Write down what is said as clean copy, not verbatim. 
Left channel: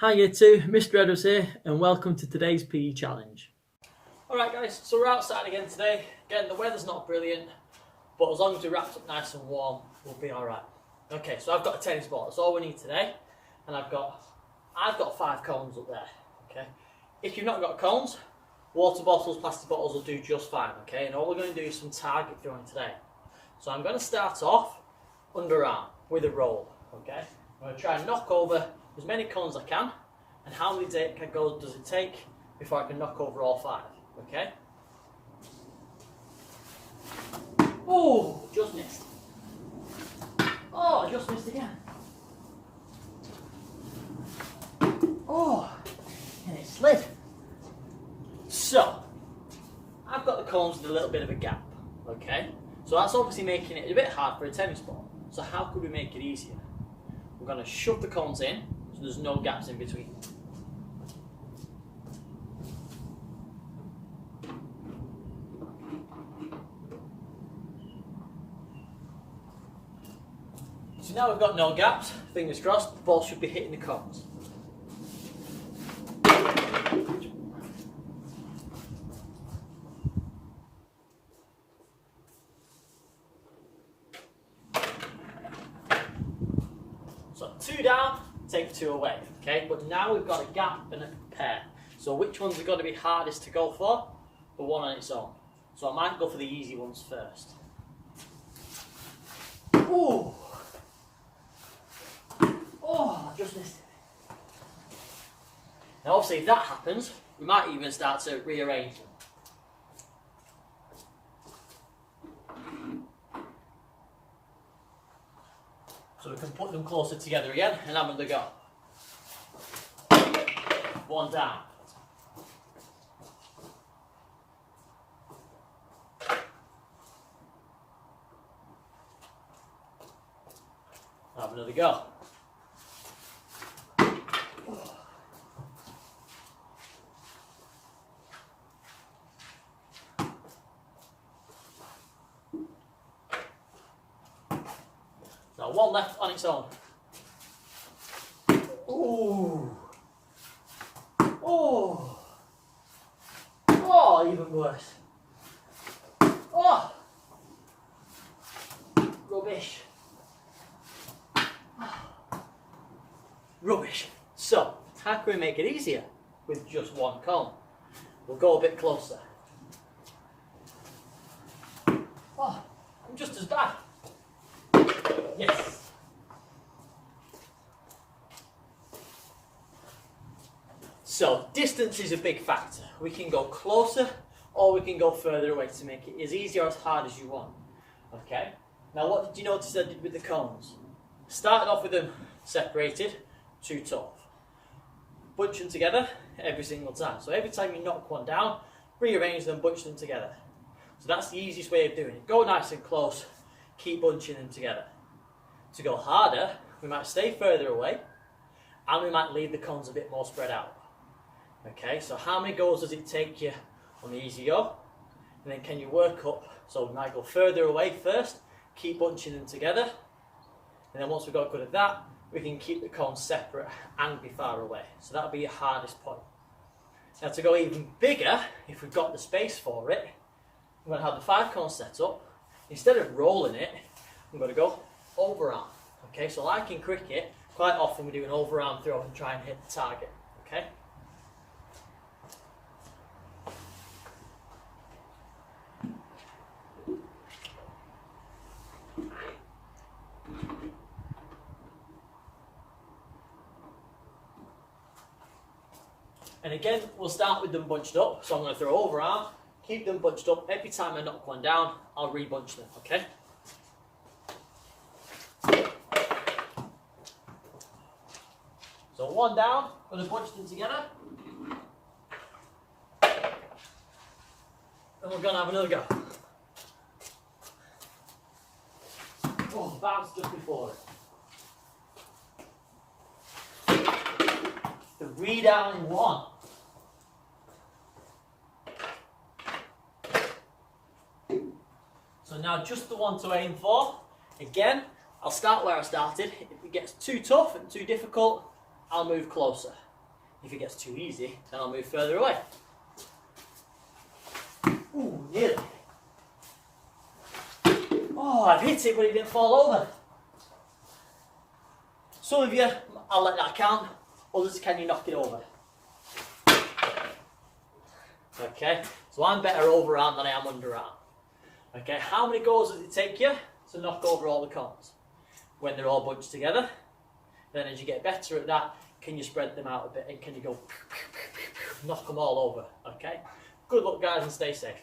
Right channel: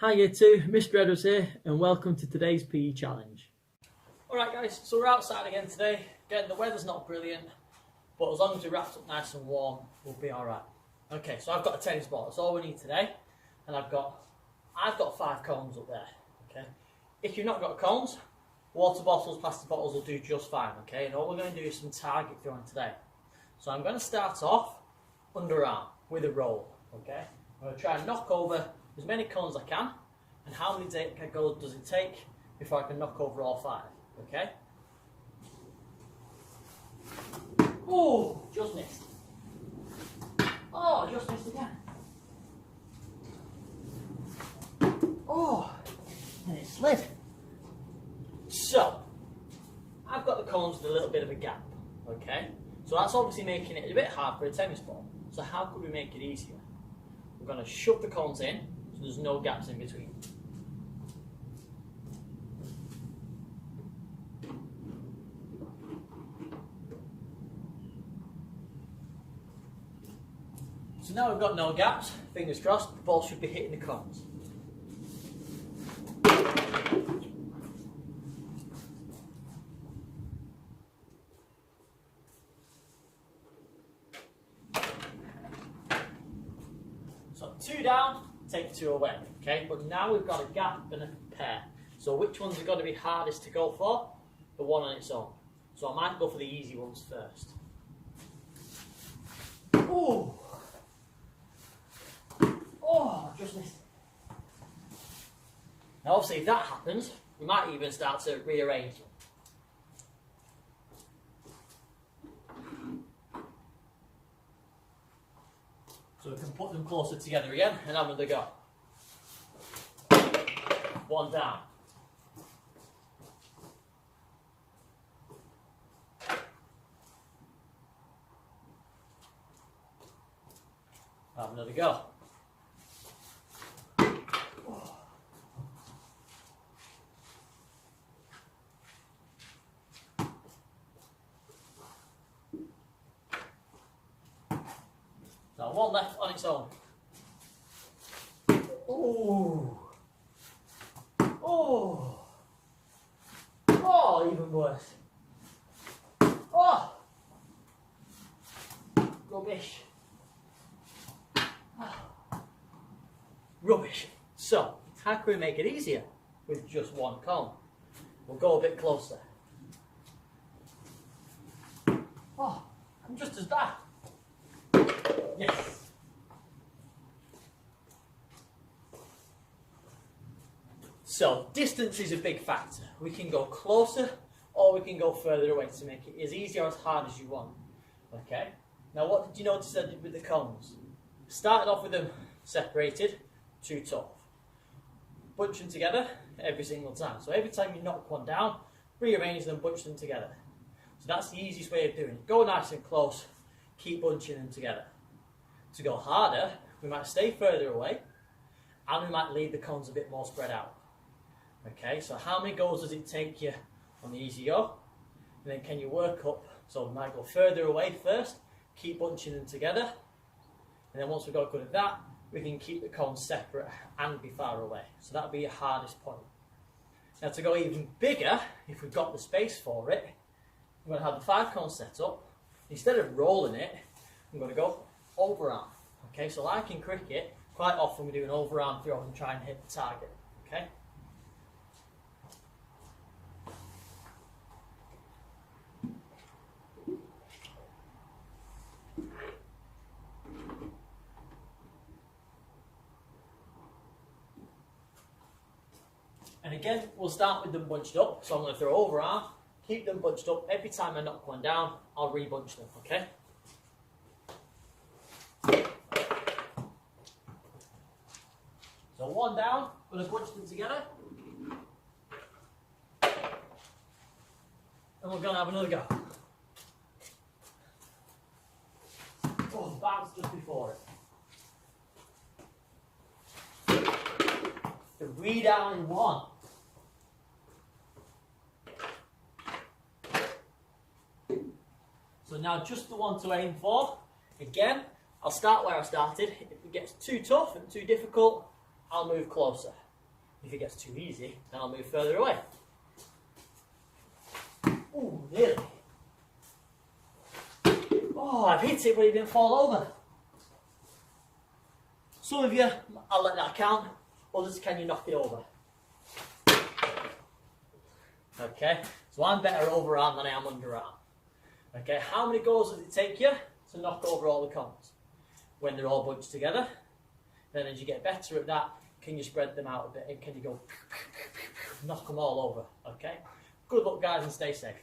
Hi year 2, Mr. Edwards here and welcome to today's PE challenge. Alright guys, so we're outside again today. Again, the weather's not brilliant, but as long as we're wrapped up nice and warm, we'll be alright. Okay, so I've got a tennis ball, that's all we need today. And I've got 5 cones up there, okay? If you've not got cones, water bottles, plastic bottles will do just fine, okay? And all we're going to do is some target throwing today. So I'm going to start off underarm with a roll, okay? I'm going to try and knock over as many cones as I can, and how many goes does it take before I can knock over all 5, okay? Oh, just missed. Oh, I just missed again. Oh, and it slid. So, I've got the cones with a little bit of a gap, okay? So that's obviously making it a bit hard for a tennis ball. So how could we make it easier? We're going to shove the cones in, so there's no gaps in between. So now we've got no gaps, fingers crossed, the ball should be hitting the cones. So 2 down, take 2 away, okay? But now we've got a gap and a pair. So which ones are going to be hardest to go for? The one on its own. So I might go for the easy ones first. Ooh! Oh, I just missed it. Now obviously if that happens, we might even start to rearrange them. So we can put them closer together again and have another go. 1 down. Have another go. Now 1 left on its own. Ooh. Oh. Oh, even worse. Oh. Rubbish. Rubbish. So, how can we make it easier with just 1 cone? We'll go a bit closer. Oh, I'm just as bad. Yes. So, distance is a big factor. We can go closer or we can go further away to make it as easy or as hard as you want. Okay? Now, what did you notice I did with the cones? Started off with them separated, too tough. Bunch them together every single time. So every time you knock one down, rearrange them, bunch them together. So that's the easiest way of doing it. Go nice and close, keep bunching them together. To go harder, we might stay further away and we might leave the cones a bit more spread out. Okay, so how many goes does it take you on the easy go? And then can you work up? So we might go further away first, keep bunching them together. And then once we've got good at that, we can keep the cones separate and be far away. So that'll be your hardest point. Now to go even bigger, if we've got the space for it, I'm going to have the 5 cones set up. Instead of rolling it, I'm going to go overarm. Okay, so like in cricket, quite often we do an overarm throw and try and hit the target. Okay. And again, we'll start with them bunched up. So I'm going to throw overarm, keep them bunched up. Every time I knock one down, I'll re-bunch them, okay? So 1 down, going to bunch them together. And we're going to have another go. Oh, bounce just before it. 3 down in 1. So now just the one to aim for. Again, I'll start where I started. If it gets too tough and too difficult, I'll move closer. If it gets too easy, then I'll move further away. Ooh, nearly. Oh, I've hit it, but it didn't fall over. Some of you, I'll let that count. Others, can you knock it over? Okay, so I'm better overarm than I am underarm. Okay, how many goes does it take you to knock over all the cones? When they're all bunched together. Then as you get better at that, can you spread them out a bit and can you go knock them all over? Okay, good luck guys and stay safe.